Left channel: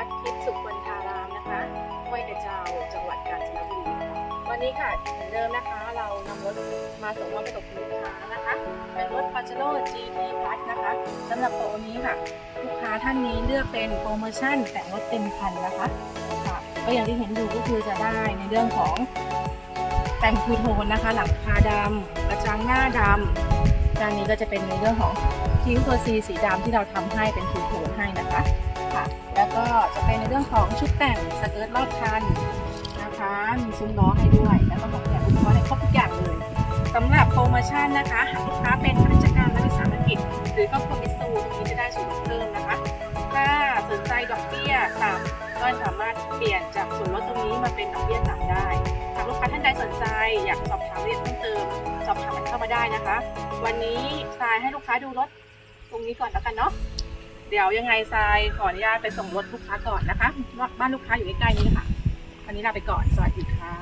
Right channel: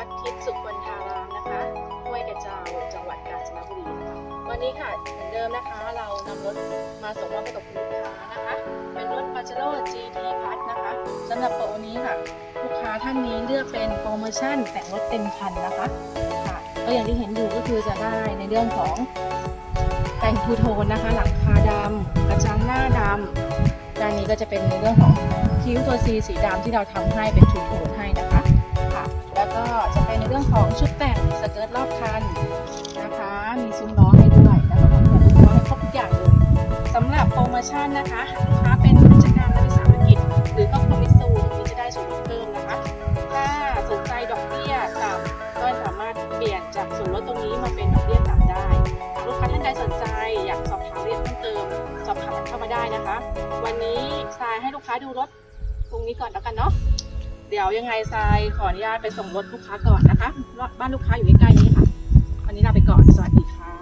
ัดทิพสุวรรณารามนะคะห้วยกระเจ้าจังหวัดกาญจนบุรีค่ะวันนี้ค่ะเหมือนเดิมนะคะ เรานำรถมาส่งมอบให้กับลูกค้านะคะ เป็นรถ p a จ e r o GT Plus นะคะสำหรับโปรนี้ค่ะ ลูกค้าท่านนี้เลือกเป็นโปรโมชั่นแต่งรถเต็มคันนะคะก็อย่างที่เห็นอยู่ก็คือจะได้ในเรื่องของแต่งทูโทนนะคะ หลังคาดำกระจังหน้าดำการนี้ก็จะเป็นในเรื่องของคิ้วตัวซีสีดำที่เราทำให้เป็นทูโทนให้นะคะ แล้วก็จะเป็นในเรื่องของชุดแต่งสเกิร์ตรอบคันนะคะ มีซุ้มล้อให้ด้วย แล้วก็ของแบบอุปกรณ์ให้ครบทุกอย่างเลยสำหรับโปรโมชั่นนะคะหากลูกค้าเป็นกิจการรัฐวิสาหกิจ หรือก็คอมมิชซูตรงนี้จะได้ส่วนลดเพิ่มนะคะ ถ้าสนใจดอกเบี้ยต่ำก็สามารถเปลี่ยนจากส่วนลดตรงนี้มาเป็นดอกเบี้ยต่ำได้หากลูกค้าท่านใดสนใจอยากสอบถามเอียดเพิ่มเติม สอบถามกันเข้ามาได้นะคะ วันนี้ทรายให้ลูกค้าดูรถตรงนี้ก่อนแล้วกันเนาะ เดี๋ยวยังไงทรายขออนุญาตไปส่งรถลูกค้าก่อนนะคะบ้านลูกค้าอยู่ใกล้ๆนี้ค่ะ วันนี้ลาไปก่อน สวัสดีค่ะ